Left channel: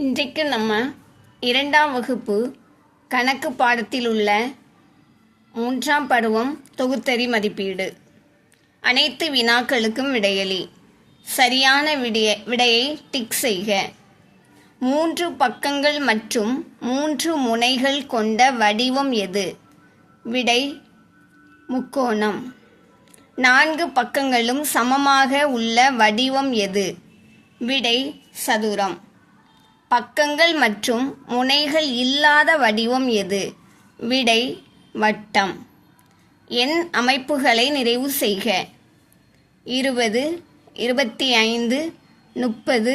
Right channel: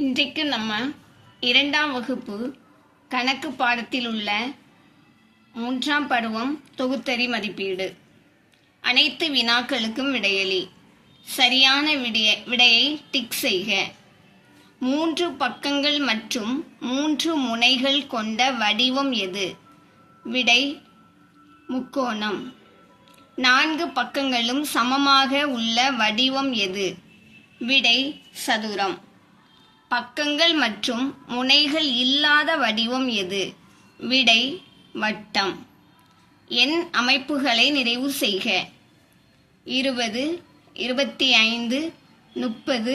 இன்றைக்கு நம்ம 2ஆம் வகுப்பு கணக்கு பாடத்தில் உள்ள 3ஆம் பருவம் தொகுத்தறி மதிப்பீடு. அனைத்து வினாக்களுக்கும் விடையளி. சரியான விடையை டிக் செய்க. 3 பக்கங்கள் மற்றும் 3 முனைகள் கொண்ட வடிவம் எது? விடை முக்கோணம். 4 பக்கங்களும் சமமாக உள்ள வடிவம் எது? விடை சதுரம். பக்கங்கள் மற்றும் முனைகள் இல்லாத வடிவம் எது? விடை வட்டம். எண் அமைப்புகளை நிறைவு செய்க. 20, 25, 30,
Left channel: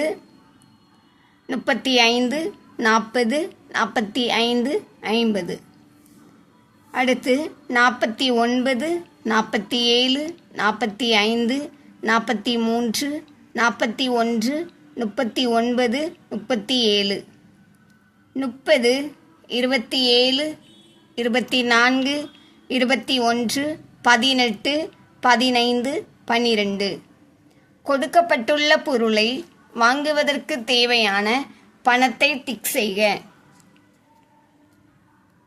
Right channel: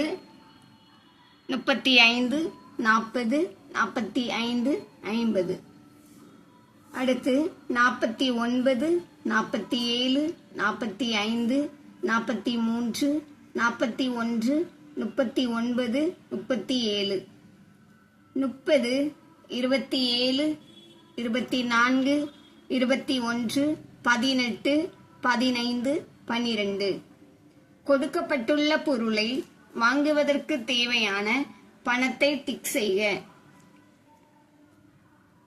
35, 40, 45, 50. அடுத்து 49, 47, 45, 43, 41, 39, 37. 30, 27, 24, 21, 18, 15, 12. கொடுக்கப்பட்டுள்ள பொருளை வாங்குவதற்கு தேவையான பணத்தை டிக் செய்க.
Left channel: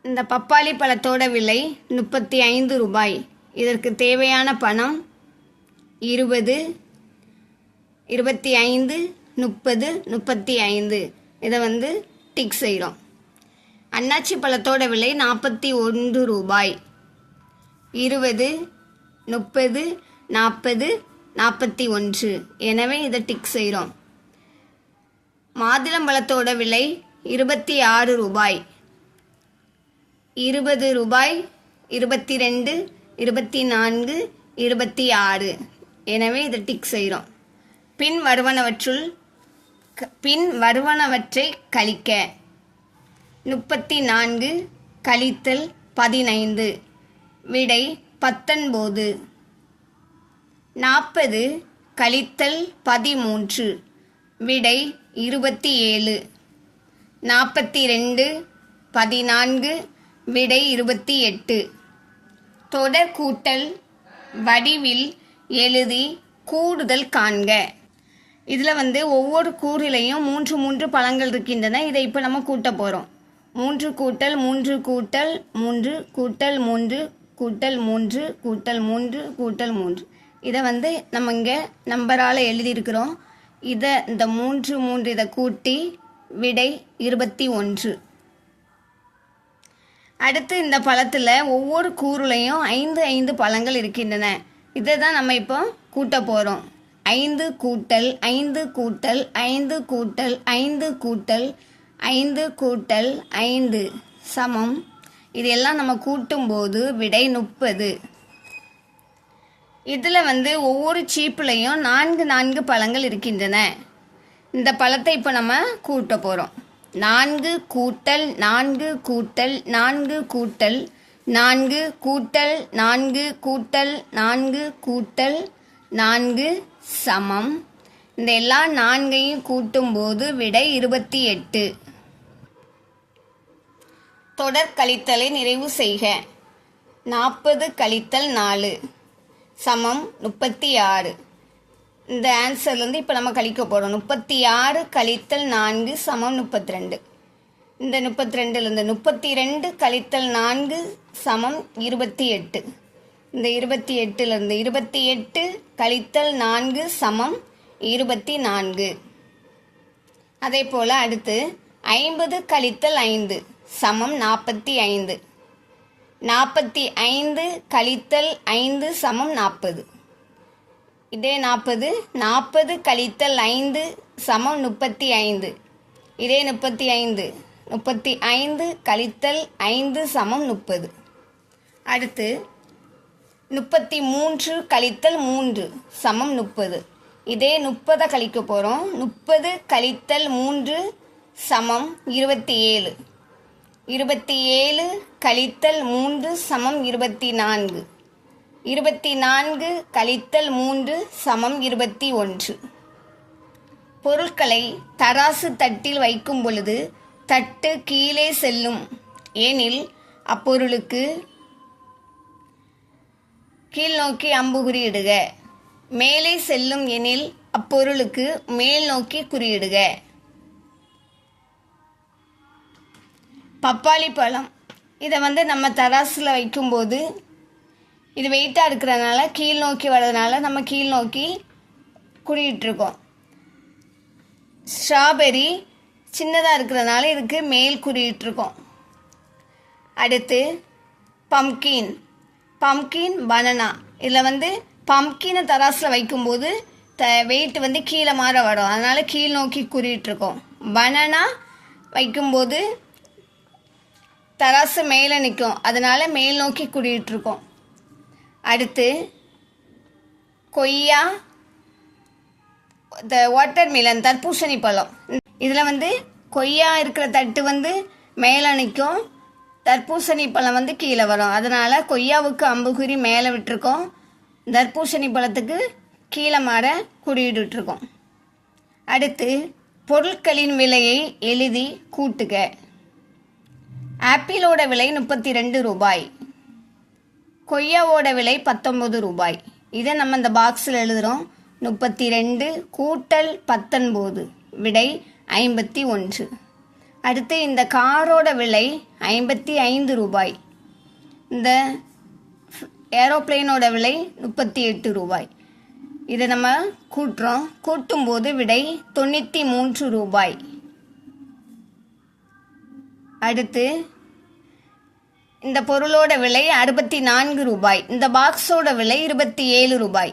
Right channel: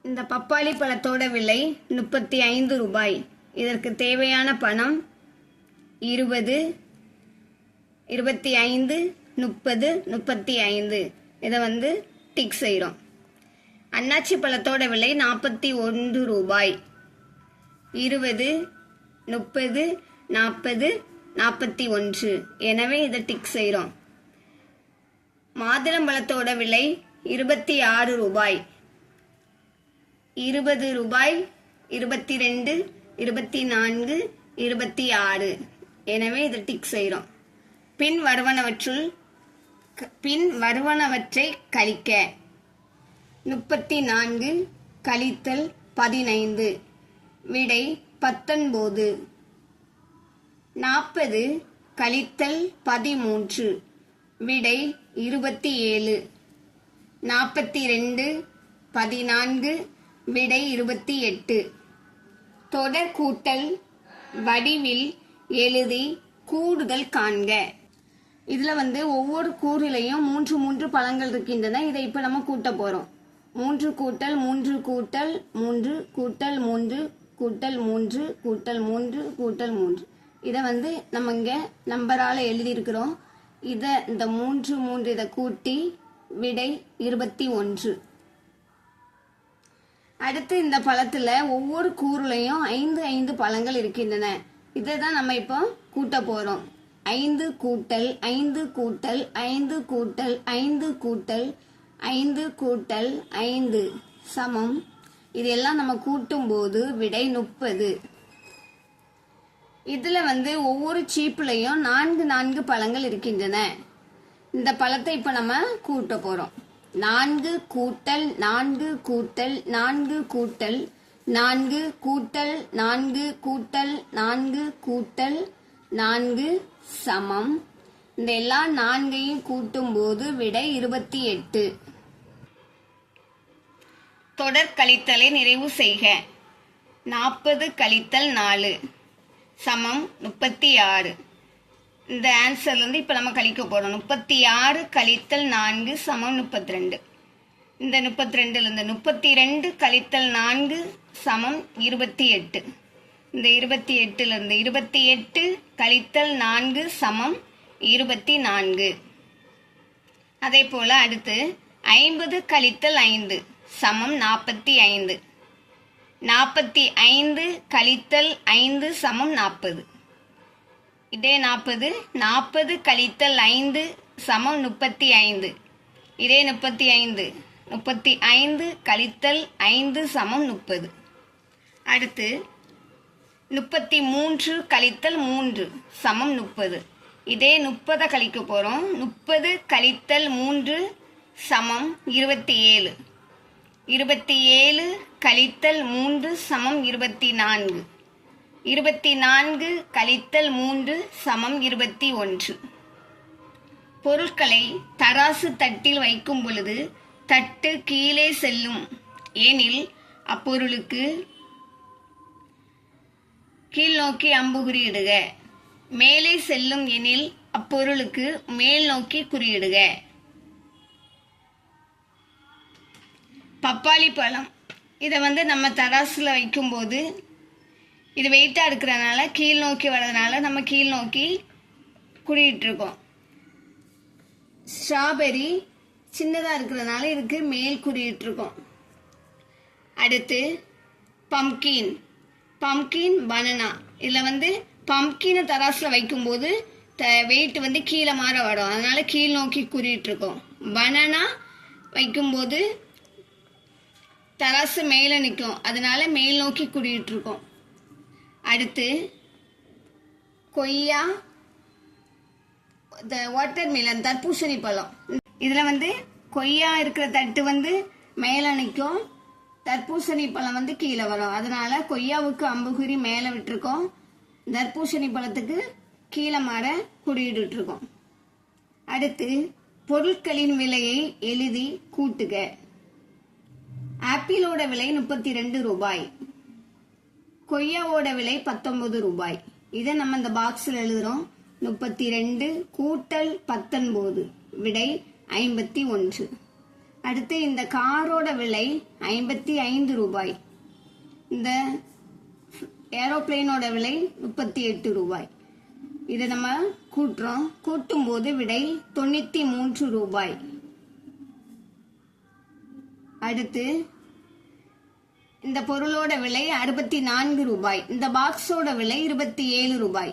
இந்த பப்பாளி பழத்தோட விலை 35 ரூபாய். இதற்கு தேவையான பணம் 20, 25, 30, 35. இதை டிக் செய்கிறோம். அன்னாச்சி பழத்தோட விலை 41 ரூபாய். 20, 30, 40, 41. எனவே இதை டிக் செய்கிறோம். மாதுளம்பழத்தோட விலை 26 ரூபாய். 20 ரூபாய், 22, 24, 26. எனவே இதை டிக் செய்கிறோம். பின் வருவனவற்றை கழிக்க. 34 கழித்தல் 15. விடை 19. 40 கழித்தல் 13. விடை 27. 42 14. விடை 28. தொடர் கூட்டல் வடிவில் எழுதி கூடுதல் காண்க. இதில் ஒவ்வொரு கூறிலையும் 3 பழங்கள் இருக்கின்றன. இதை இப்போ நம்ம கூட்ட போகிறோம். 3 கூட்டல் 3 கூட்டல் 3 கூட்டல் 3 கூட்டல் 3 கூட்டல் 3 கூட்டல் 3. இதை நம்ம இங்கே நம்பரால் எழுதியிருக்கிறோம். இந்த 3 இதை கூட்டி விடை 21. அடுத்து இந்த பழத்தில் ஒவ்வொரு கூறுலையும் 5 பழங்கள் இருக்கின்றன. இதை தான் நம்ம இப்போ கூட்ட போகிறோம். 5 கூட்டல் 5 கூட்டல் 5 கூட்டல் 5 கூட்டல் 5 கூட்டல் 5 சமம். இதெல்லாம் நம்ம கூட்டும்போது விடை 30. இதில் ஒவ்வொரு சீப்புலையும் 4 பழங்கள் இருக்கின்றன. இந்த பழத்தை இப்போ நம்ம கூட்ட போகிறோம். 4 கூட்டல் 4 கூட்டல் 4 கூட்டல் 4 கூட்டல் 4 கூட்டல் 4 கூட்டல் 4 சமம். இந்த எல்லா 4ஐயும் கூட்டும்போது விடை 28. தொடர் கழித்தலை நிறைவு செய்க. 40 கழித்தல் 4 சமம் 36. இந்த ஆன்சர்லேருந்து இப்போ நம்ம கழிக்க போகிறோம். 36 கழித்தல் 4 சமம் 32. இந்த 32லேருந்து 32 கழித்தல் 4 சமம் 28. இந்த 28லேருந்து 28 கழித்தல் 4 சமம் 24. அதே போல் அடுத்து 50 கழித்தல் 5 சமம் 45. 45 கழித்தல் 5 சமம் 40. இதே 40 கழித்தல் 5 சமம் 35. இதே 35 கழித்தல் 5 சமம் 30. அடுத்து 33 கழித்தல் 3 சமம் 30. இதே 30 கழிக்க போகிறோம். 30 கழித்தல் 3 சமம் 27. 27 கழித்தல் 3 சமம் 24. 24 கழித்தல் 3 சமம் 21. பொருட்களை தராசு தட்டில் வைக்கும் பொழுது தட்டு கீழே செல்லும் எனில் அப்பொருளுக்கு கீழ் நோக்கி அம்புகுறி இடுக. மேலே செல்லும் எனில் அப்பொருளுக்கு மேல் நோக்கி குறியிடுக. பப்பாளி பழம். இதை வந்து நம்ம தராசில் வைக்கும்போது இது வெயிட்டாக இருக்கிறதுனால கீழ் நோக்கி வர்றதுனால நம்ம கீழ் நோக்கி குறியிட்ருக்கோம். ஸ்ட்ராபெரி சின்னதாக இருக்கிறதுனால இதுக்கு மேல் குறியிட்ருக்கோம். அடுத்து பம்கின் பனானா. இதில் வந்து பம்கினை தராசில் வைக்கும்போது வெயிட் வந்து கீழே மாற வரும், அதனால் கீழ் நோக்கி குறியிட்ருக்கோம். பனானா வைக்கும்போது தராசு மேலே நிற்கும், அதனால் மேல் நோக்கி குறியிட்ருக்கோம். அடுத்து கொய்யா, வாட்டர்மெலன் தர்பூசணி பழம். இதில் வந்து கொய்யா இருக்கிற தட்டு வந்து மேலே நிற்கும், தர்பூசணி பழம் வந்து கீழே வரும், அதனால் கொய்யாவுக்கு அம்புகுறி மேலே விட்டுருக்கோம், தர்பூசணி பழத்துக்கு கீழே மாற குறியிட்டுருக்கோம். அடுத்து பொருட்களின் விலையை எழுதி கூட்டுக. ஆப்பிளோட விலை 32 ரூபாய், கொய்யாவோட விலை 19 ரூபாய். இதை நம்ம இந்த பாக்ஸில் எழுதுகிறோம். 32 கூட்டல் 19 விடை 51. அடுத்து இந்த காரோட விலை 55 ரூபாய், இந்த ஏரோப்ளேனோட விலை 38 ரூபாய். இதை நம்ம கூட்டுறோம். கூட்டும்போது விடை 93 ரூபாய். அடுத்து இந்த பொருளோட விலை 64 ரூபாய், இந்த பாக்ஸோட விலை 27 ரூபாய்.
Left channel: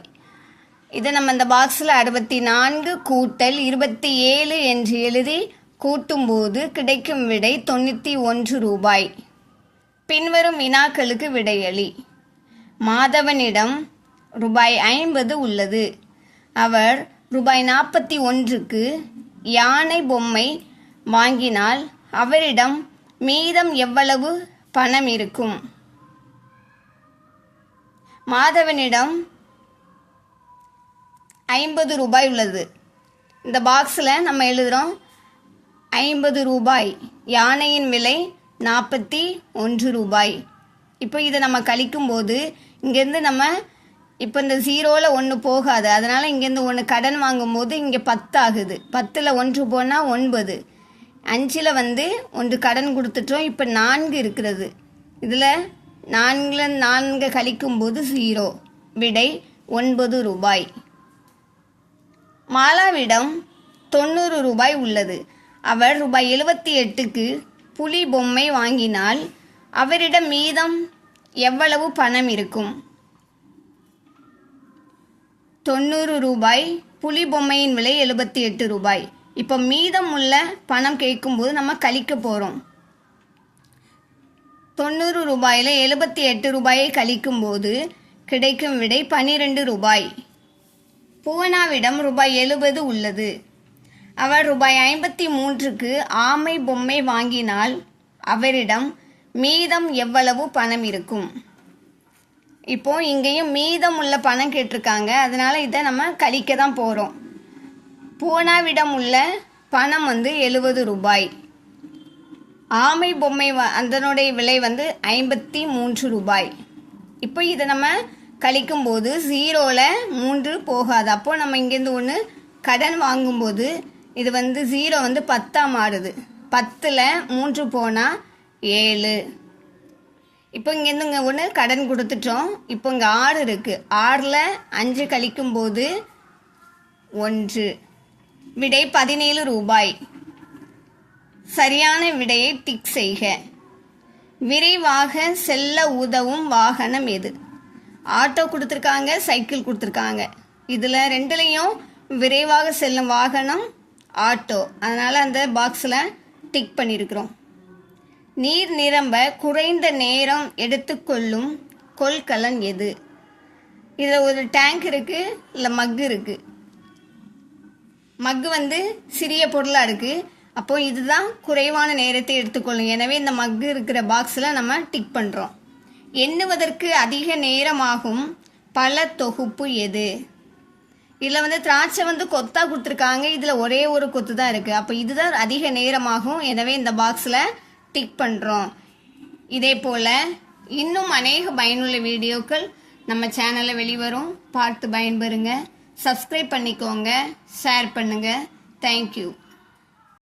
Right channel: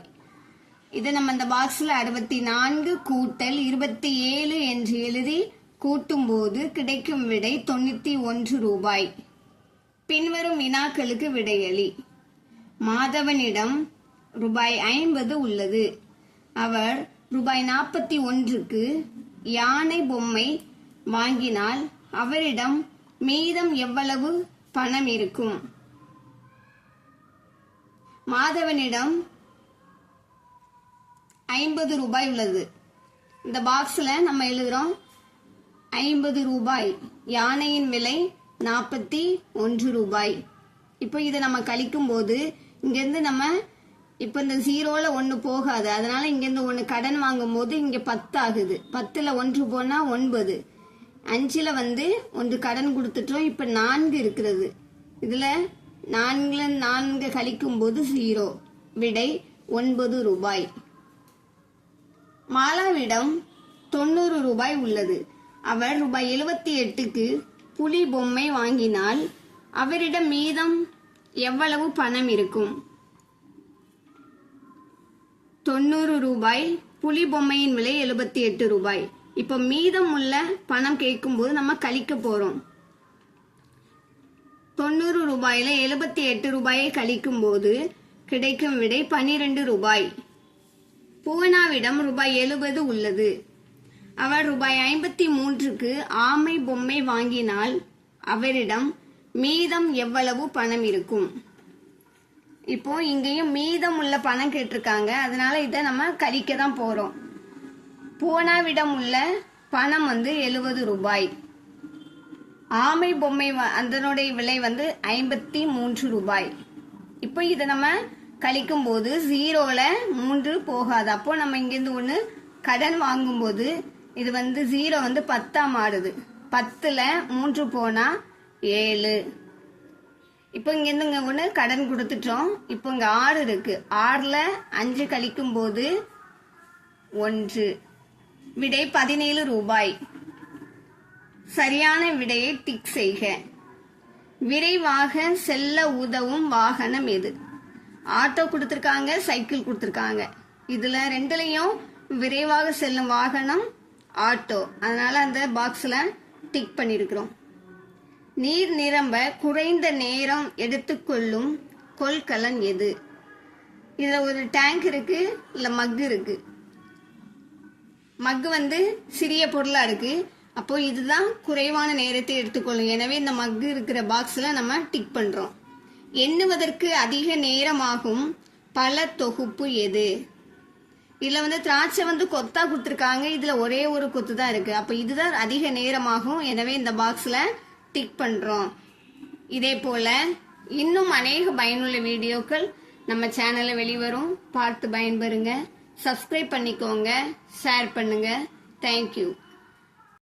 இதை நம்ம இந்த பாக்ஸில் 64 கூட்டல் 27 என்று எழுதி கூட்டும்போது கிடைக்கும் விடை 91 ரூபாய். பின்வரும் வினாக்களுக்கு விடையளி. மாதவனிடம் ரூபாய் 50 உள்ளது. அவர் ரூபாய் 41க்கு யானை பொம்மை வாங்கினால் அவரிடம் மீதம் எவ்வளவு பணம் இருக்கும்? மாதவனிடம் 50 ரூபாய் உள்ளது. இந்த பாக்ஸில் நம்ம எழுதுகிறோம் 50 ரூபாய், யானையின் விலை 41 ரூபாய். இப்போ இதை நம்ம கழிக்கும்போது இங்கேருந்து நம்ம இப்போ இந்த 0ல் 1 போகாது, அதனால் இங்கேருந்து 1 கடன் வாங்கும்போது இங்கே 10 ஆகுது. 10ல் 1 போனால் 9, 5ல் வந்து 1 கடன் கொடுத்துட்டோம். இப்போ 4 இருக்கிறது. இதில் 4ல் 4 கழிக்கும்போது 0, விடை 9 ரூபாய். மாலாவிடம் 90 ரூபாய் உள்ளது. அவர் ரூபாய் 78க்கு புலி பொம்மை வாங்கினால் அவரிடம் மீதம் எவ்வளவு பணம் இருக்கும்? 90 ரூபாய், புலி பொம்மையின் விலை 78 ரூபாய். இப்போ மீதம் உள்ள பணம் கேட்கும்போது நம்ம கழிக்க போகிறோம். 90 ரூபாயில் 78 ரூபாயை கழிக்கும்போது கிடைக்கும் விடை 12 ரூபாய். பூவனாவிடம் ரூபாய் 70 உள்ளது. அவர் ரூபாய் 53க்கு ஆமை பொம்மை வாங்கினால் அவரிடம் மீதம் எவ்வளவு பணம் இருக்கும்? இப்போ இங்கேயும் மீதம் உள்ள பணம் கேட்டிருக்காங்க, அதனால இதை நம்ம கழிக்க தான் போகிறோம். பூவனாவிடம் உள்ள பணம் வந்து 70 ரூபாய். ஆமை பொம்மை அதனுடைய விலை வந்து 53 ரூபாய். இப்போ இதை நம்ம கழிக்கும்போது 0ல் 3 போகாது. அப்போது நம்ம இங்கேருந்து 1 கடன் வாங்கும்போது இது வந்து 0 வந்து 10ஆக மாறுது. 10ல் 3 போனால் 7. இப்போ இங்கேருந்து இங்கே 1 கடன் கொடுத்துட்டோம். இப்போ இங்கே 6 இருக்குது. 6ல் 5 கழிக்கும்போது 1, விடை 17 ரூபாய். சரியான விடையை டிக் செய்க. விரைவாக செல்ல உதவும் வாகனம் எது? ஆட்டோ கொடுத்துருக்காங்க, சைக்கிள் கொடுத்துருக்காங்க. இதில் ரெண்டுலேயும் விரைவாக செல்லும் வாகனம் ஆட்டோ, அதனால் அந்த பாக்ஸில் டிக் பண்ணியிருக்கிறோம். நீர் நிரம்ப குறைந்த நேரம் எடுத்துக்கொள்ளும் கொள்கலன் எது? இதில் ஒரு டேங்க் இருக்குது, இல்லை மக்கு இருக்குது. மக்கு வந்து சிறிய பொருளாக இருக்குது, அப்போது இதுதான் குறைவான நேரத்தை எடுத்துக்கொள்ளும். எனவே இந்த மக்கு இருக்கிற பாக்ஸில் நம்ம டிக் பண்ணுறோம். எண்ணுவதற்கு அதிக நேரமாகும் பல தொகுப்பு எது? இதில் வந்து திராட்சை வந்து கொத்தா கொடுத்துருக்காங்க, இதில் ஒரே ஒரு கொத்து தான் இருக்குது. அப்போ இதுதான் அதிக நேரமாகும், எனவே இந்த பாக்ஸில் டிக் பண்ணுறோம். இதே போல் இன்னும் அநேக பயனுள்ள வீடியோக்கள் நம்ம சேனலில் வெளிவரும், பார்த்து பயன்பெறுங்க. சப்ஸ்கிரைப் பண்ணிக்கோங்க, ஷேர் பண்ணுங்கள். தேங்க்யூ.